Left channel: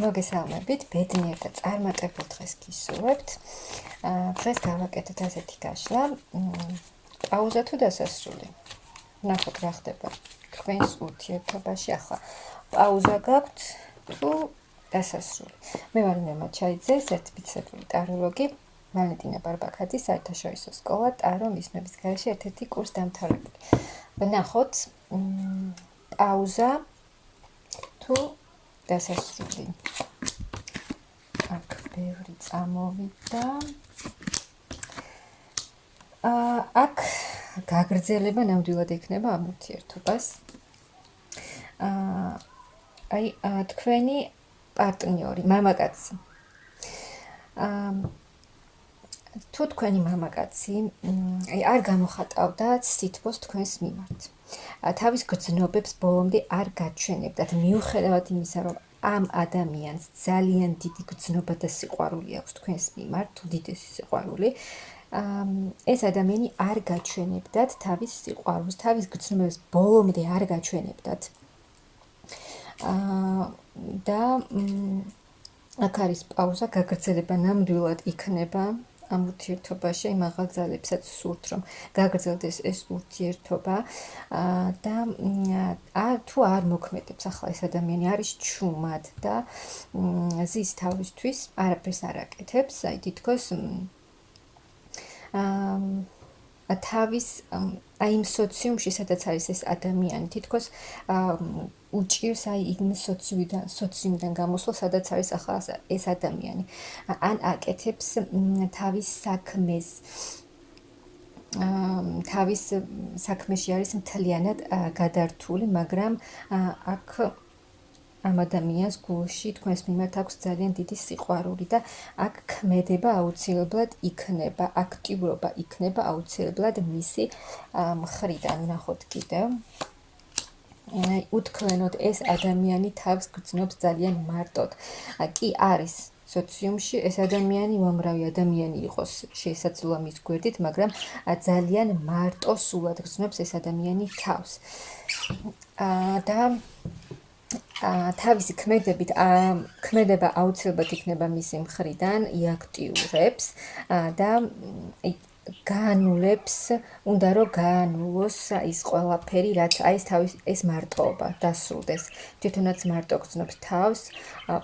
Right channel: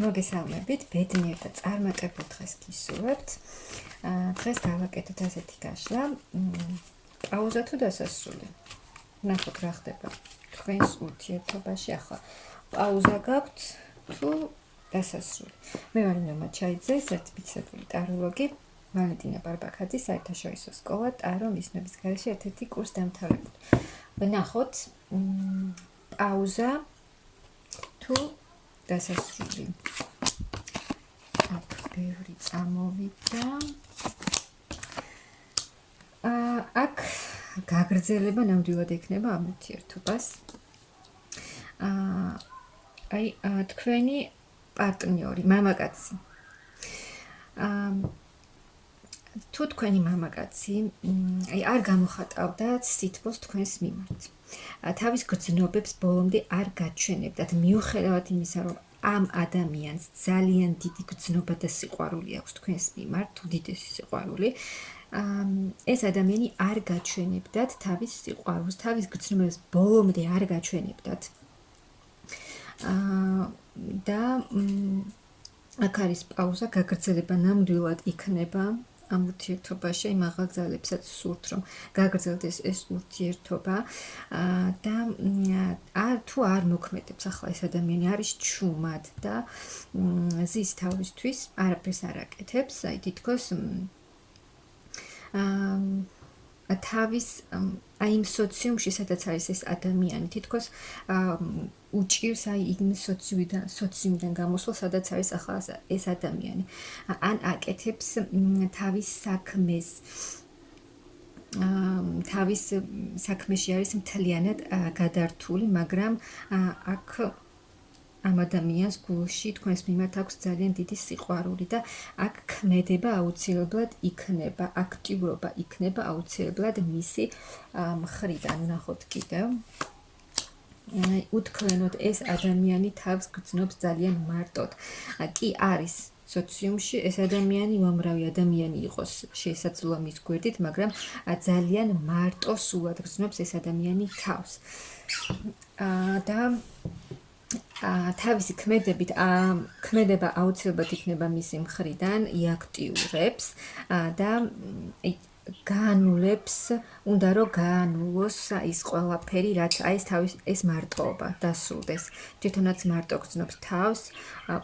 მოგესალმებით, ბედნიერ და წარმატებულ დღეს გისურვებთ. დღეს გავაკეთოთ ასეთი გაშლა, პაუზა თუ დასასრული. ნახოთ რა ხდება თქვენს ურთიერთობაში ახლა. პაუზა გაქვთ თუ დასასრული. მე ვარ ნინო მაჩაიძე, სერტიფიცირებული ტაროლოგი, ვალენტინა ბარბაქაძე, საერთაშორისო სკოლა ტარო მიზნების გარეშე ერთ-ერთი კურს დამთავრებული. ნახოთ პაუზა თუ დასასრული. აქ ბევრი წამოვიდა. აქ გაგრძელება ნამდვილად ექნება ამ ურთიერთობას. თქვენი პარტნიორი, მამაკაცი. თუ თქვენი მამაკაცი არ გამოხატავდათ სითბოს თქვენს მიმართ. თავის გრძნობებს ბოლომდე არ გაჩვენებდათ, მიუხედავად იმისა, რომ ამ ადამიანს ძალიან დიდი გრძნობა და სიყვარული აქვს თქვენს მიმართ, უდიდესი სიყვარული. ეს ადამიანი არ გაჩვენებდათ თავის სიყვარულს, თავის გრძნობებს ბოლომდე არ გაჩვენებდათ. და აქ არის პაუზა, გაგრძელება ნამდვილად იქნება ამ ურთიერთობაში, მაღალ ძალებსაც სურთ, რომ გაგრძელდეს ეს ურთიერთობა და თუ არ მოქმედებს ახლა ეს ადამიანი არის ჩუმად და ზის თავისთვის არაფერს არ აკეთებს, აი თითქოს თავის აი იმ სოციუმში, სადაც არის ეს ადამიანი, თითქოს უჭირს აი იმ სოციუმიდან გამოსვლა, სადაც არის ახლა ეს ადამიანი. ან აკეთებს თავის საქმეს. თავის საქმეში არის მთლიანად გადართული, მაგრამ აქ ამ ადამიანს გულში თქვენს მიმართ აქვს ძალიან დიდი სიყვარული და აქ ქმედება აუცილებლად იქნება, აქტიურობა იქნება აუცილებლად მისი მხრიდან. ნახოთ კიდევ. უთქვენოდ ეს ადამიანი თავს გრძნობს ძალიან მარტოდ. კი არის სოციუმში ეს ადამიანი უამრავი ადამიანი იყოს შესაძლოა მის გვერდით, მაგრამ ძალიან მარტო სულად გრძნობს ეს ადამიანი თავს. და თავისი ქმედებით ქმედება აუცილებლად იქნება მისი მხრიდან, იაქტიურებს და გაანულებს, უნდა რომ გაანულოს ის ყველაფერი, რაც აი ეს მარტოობა დასრულდეს. თვითონაც მარტო გრძნობს თავს,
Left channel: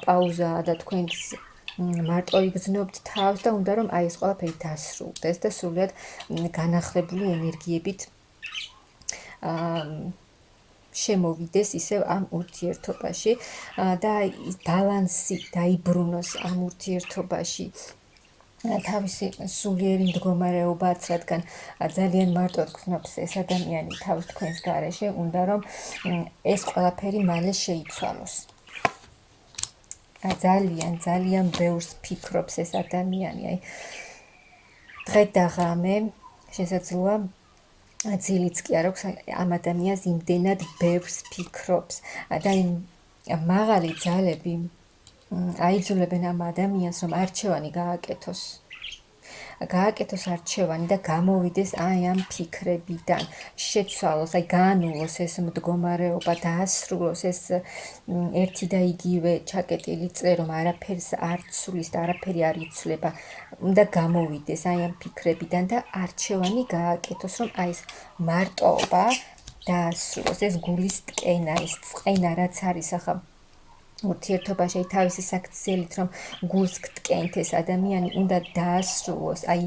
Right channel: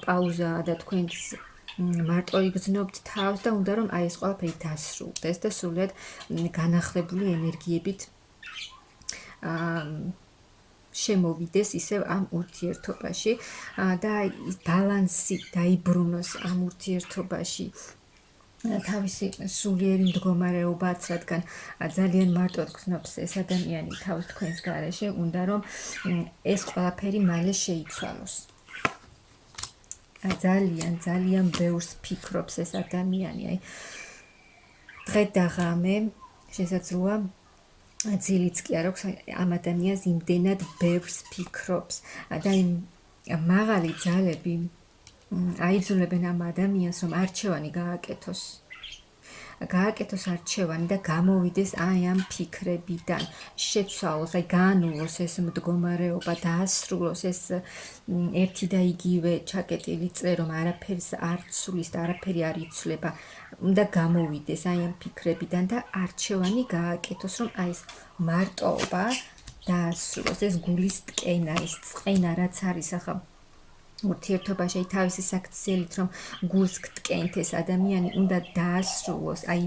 პაუზა და თქვენს მარტო იგრძნობთ თავს და უნდა რომ აი ეს ყველაფერი დასრულდეს და სრულიად განახლებული ენერგიებით შემოვიდეს ისევ ამ ურთიერთობაში და ბალანსი დაიბრუნოს ამ ურთიერთობაში. თავისი სულიერი მდგომარეობაც, რადგან ძალიან მარტოდ გრძნობს ეს ადამიანი თავს თქვენს გარეშე, უნდა რომ ეს ყველაფერი მალე შეიცვალოს. ძალიან ბევრს ფიქრობს ეს ადამიანი. აი დღე და ღამე შესაძლოა ძილიც კი არ აქვს ამ ადამიანს იმდენად ბევრს ფიქრობს და იმ მაღალი ძალები აიძულებენ ამ ადამიანს, რომ არჩევანი გააკეთოს არჩევანი და გამოვიდეს აი ამ ფიქრებიდან, შეცვალოს, აი გაანულოს ეს მდგომარეობა, დაასრულოს ეს ერთი და იგივე ჩაკეტილი წრე, რომ არაფერს არ ცვლის და არაფერი არ იცვლება, უნდა გამოვიდეს აი ამ ფიქრებიდან და არჩევანი გააკეთოს, რომ აი ეს მარტოობა დაასრულოს, ეს გულის ტკენა, ეს წყენა, რაც არის ახლა ურთიერთობაში თავისი საქციელით, რომ გულს გტკენთ ეს ადამიანი, უნდა დაასრულოს აი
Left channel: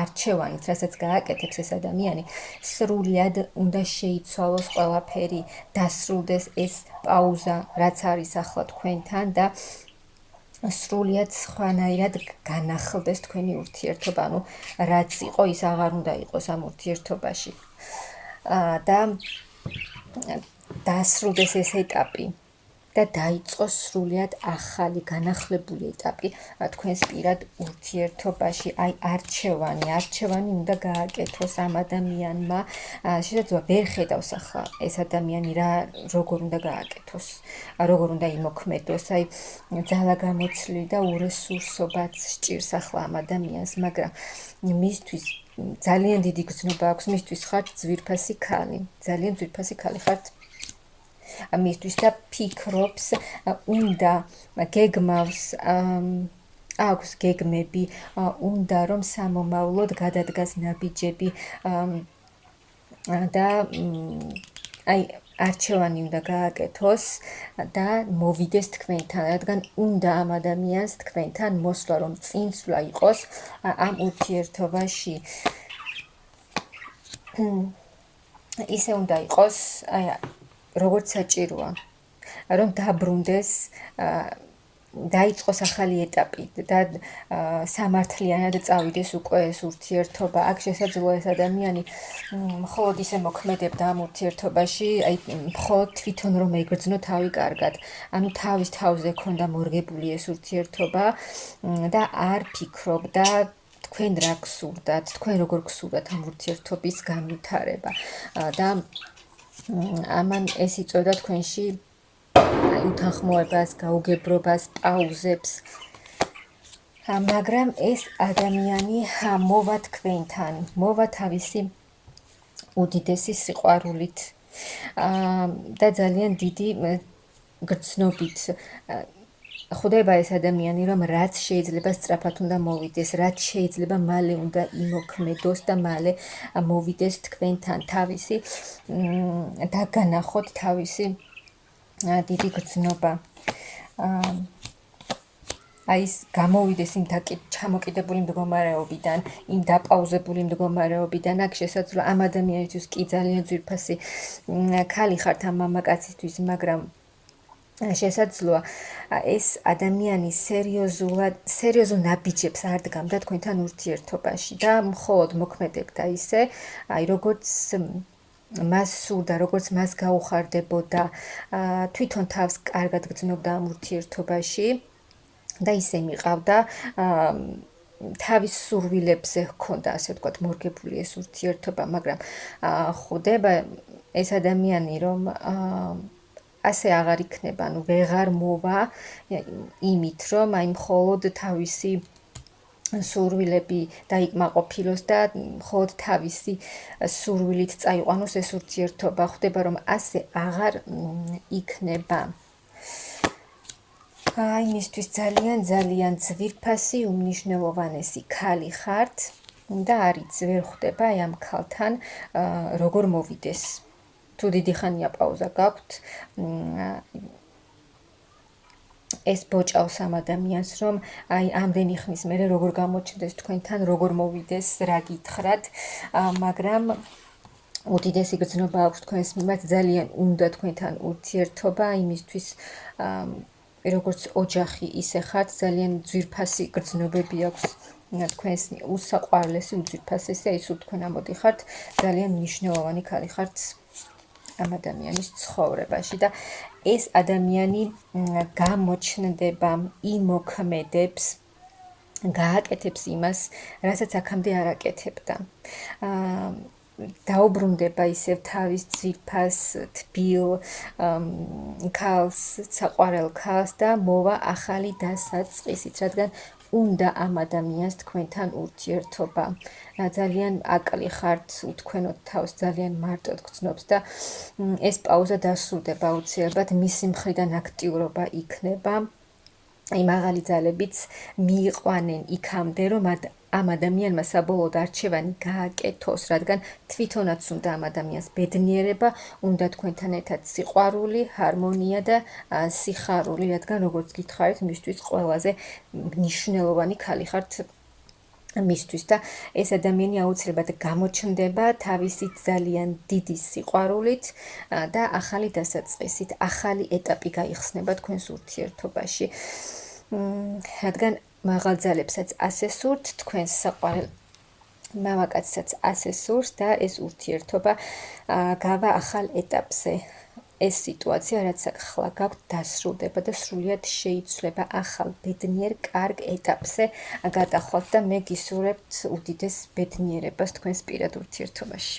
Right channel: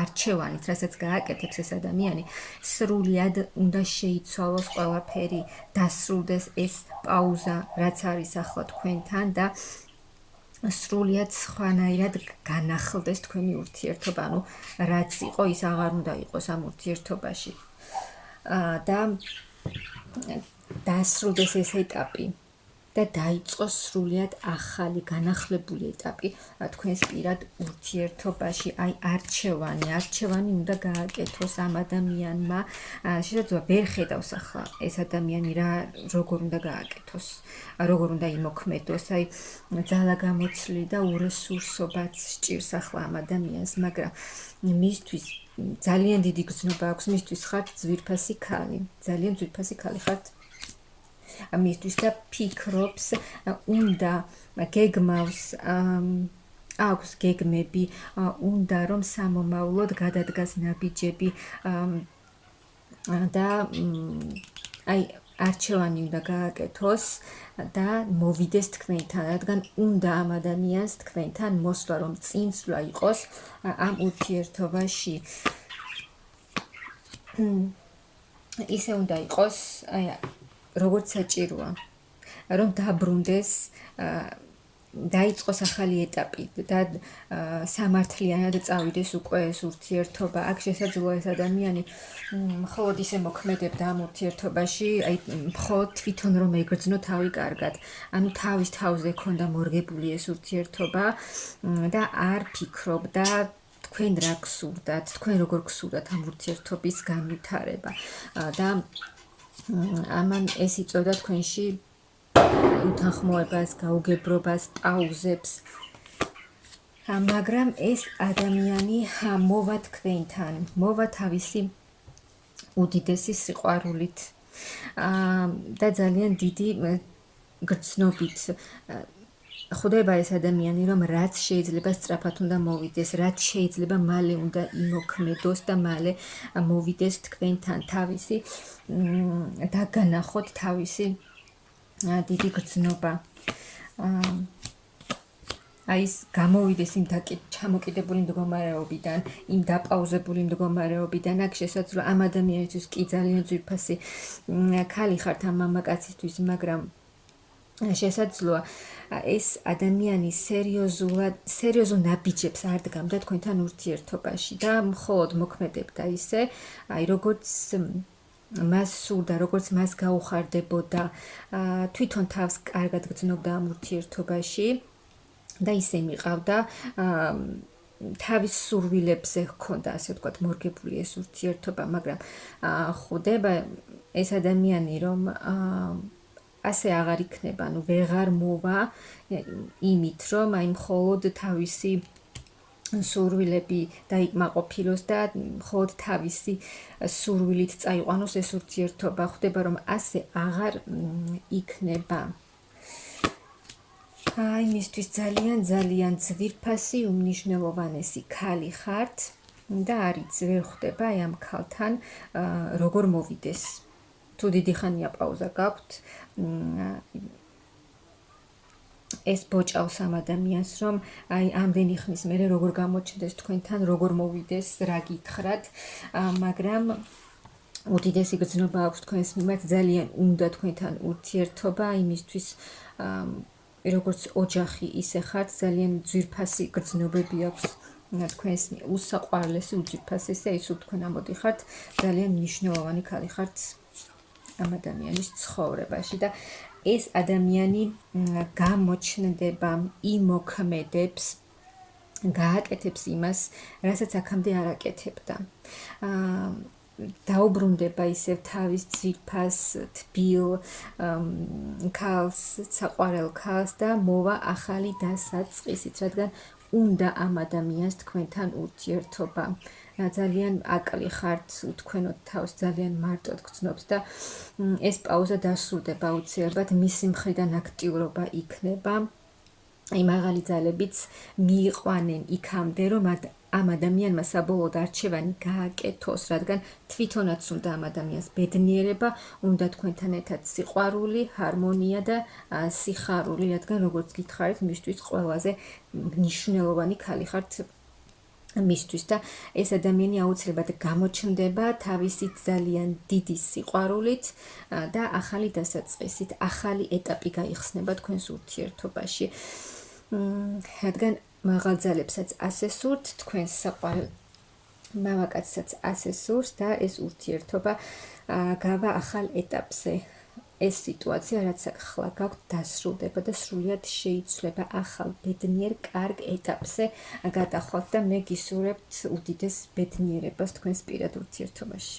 არჩევანით, რასაც გააკეთებს ეს ადამიანი, სრულიად უნდა შეიცვალოს ყველაფერი, დასრულდეს ეს პაუზა, რაც არის ახლა თქვენთან და სრულიად სხვანაირად განახლდეს თქვენი ურთიერთობა, ანუ რაც იყო, ის აღარ უნდა იყოს ამ ურთიერთობაში. და დასრულდეს ეს ეტაპი და დაიწყოს სრულიად ახალი განახლებული ეტაპი თქვენს პირად ურთიერთობაში. აი არჩევანი უნდა გააკეთოს ამ ადამიანმა. შესაძლოა ვერ ხედავს ახლა ეს ადამიანი როგორ უნდა გააკეთოს, როგორ უნდა იმოქმედოს, აი ძალაგამოცლი და уресурсობაც სჭირს ახლა ამ ადამიანს, მაგრამ მისთვის ძალიან დიდი გრძნობა აქვს, მისთვის ხართ ძვირფასი ქალი, ძალიან ძვირფასი ქალი ხართ. მისთვის და ფიქრობს, უნდა გეგმავს აქვს გეგმები, უნდა რომ სამომავლოდ გადადგას ნაბიჯები და აი არჩევანი უნდა გააკეთოს და მოვიდეს თქვენთან, რადგან უნდა ამ ადამიანს თქვენთან მოსვლა, რომ წინსვლა იყოს ამ ურთიერთობაში. ისე უნდა იყოს, აი როგორც საჭიროა, რომ დაბრუნდეს, დაიწყოს ახალი ეტაპი და სამართლიანად წავიდეს უკვე ეს ურთიერთობა. აქ შესაძლოა ეს ადამიანი მხოლოდ ისე მოქმედებდა ამ ურთიერთობაში, აი მხოლოდ თვითონ რომ ეგრძნო თავი კარგად. ანუ თავის თავზე ქონდა მორგებული ეს ურთიერთობა და არ ფიქრობდა თქვენ რა გსურდათ, თქვენ როგორ გსურდათ ამ ურთიერთობის განვითარება. და ამან ეს იწოდა თქვენში უთანხმოებას, გაუგებრობას, პაუზებს. მაგრამ ეს ადამიანი მოვა თქვენთან, მოვა თავისი უდიდესი სიყვარულით და ძალიან დიდი გრძნობით. ხვდება ეს ადამიანი, რომ რაც შეიძლება სწრაფად უნდა მოვიდეს, რაც შეიძლება მალე უნდა იმოქმედოს და მალე მოვიდეს თქვენთან, თავისი დაგანახოთ თავისი დიდი გრძნობა. აი ეს გამოვიდეს იმ ჩამოკიდებული მდგომარეობიდან, იმ დაპაუზებული მდგომარეობიდან. აქ შესაძლოა ამ ადამიანისთვის კი ძალიან ძვირფასი ქალი ხართ ამ მამაკაცისთვის, მაგრამ შესაძლოა ეს ადამიანი სერიოზულ ნაბიჯებს არ დგამდა თქვენთან ურთიერთობაში და მხოლოდ მოქმედებდა ისე, აი როგორც მას სურდა, როგორც მას გაუხარდებოდა, თვითონ თავს კარგად გრძნობდა ამ ურთიერთობაში და ისე მიყავდა, თავის სურვილებზე ჰქონდა, ასე ვთქვათ, მორგებული ეს ურთიერთობა, მაგრამ ხვდება ეს ადამიანი, რომ ასე აღარ იქნება, ანუ ვეღარ მოვა იმით, რომ აი მხოლოდ თავისი სურვილები დაიკმაყოფილოს და მხოლოდ თავისი სურვილით წაიყვანოს ეს ურთიერთობა. ხვდება, რომ ასე აღარ იქნება. აი მისთვის ძალიან ძვირფასი, უმნიშვნელოვანესი ქალი ხართ და არც ვერ ხვდება აი ამ ქალთან როგორ მოვიდეს. თუ დიდი ხანია პაუზა გაქვთ, ეს ბოჭავს ამ ადამიანს, რომ აი ამდენი ხნის მერე როგორ გამოჩნდეს თქვენთან, როგორ მოვიდეს, რა გითხრათ, მაგრამ უდიდესი გრძნობა აქვს თქვენს მიმართ, ძალიან უნდა თქვენთან ურთიერთობა, იმისთვის როგორც ოჯახი ისე ხართ, ძალიან ძვირფასი გრძნობები აქვს თქვენს უსაყვარლესი, უძვირფასესი, აი სულ თქვენ ამოდიხართ, ძალიან მნიშვნელოვანი ქალი ხართ ამ ადამიანის ცხოვრებაში და ეს ადამიანი გამოჩნდება, იმოქმედებს, გააკეთებს იმას, რასაც აქამდე არ აკეთებდა. დაუბრუნდება ისევ თავის ძვირფას, თბილ ქალს, საყვარელ ქალს და მოვა ახალი დასაწყისით, რადგან უნდა ამ ადამიანს თქვენთან ურთიერთობა. ძალიან აკლი ხართ, უთქვენოთ თავს, ძალიან მარტოდ გრძნობს და ეს პაუზა დასრულდება აუცილებლად, მისი მხრიდან აქტიურობა იქნება. აი მაღალი ძალებიც მიიყვანენ იქამდე, რომ ამ ადამიანმა საბოლოოდ არჩევანი გააკეთოს, რადგან თვითონაც უნდა ამ ადამიანს ბედნიერება, უნდა თქვენთან ერთად სიყვარული, ჰარმონია და სიხარული, რადგან როგორც გითხარით, მისთვის ყველაზე მნიშვნელოვანი ქალი ხართ მისთვის და ეს ადამიანი აუცილებლად გამოჩნდება თავისი ძალიან დიდი სიყვარულით და ახალი დასაწყისით, ახალი ეტაპი გაიხსნება თქვენს ურთიერთობაში. რადგან მაღალ ძალებსაც ასე სურთ, თქვენს საყვარელ მამაკაცსაც ასე სურს და ეს ურთიერთობა გავა ახალ ეტაპზე. ეს სიტუაცია, რაც ახლა გაქვთ, დასრულდება და სრულიად შეიცვლება ახალ ბედნიერ კარგ ეტაპზე გადახვალთ და მე გისურვებთ უდიდეს ბედნიერებას თქვენს პირად ურთიერთობაში.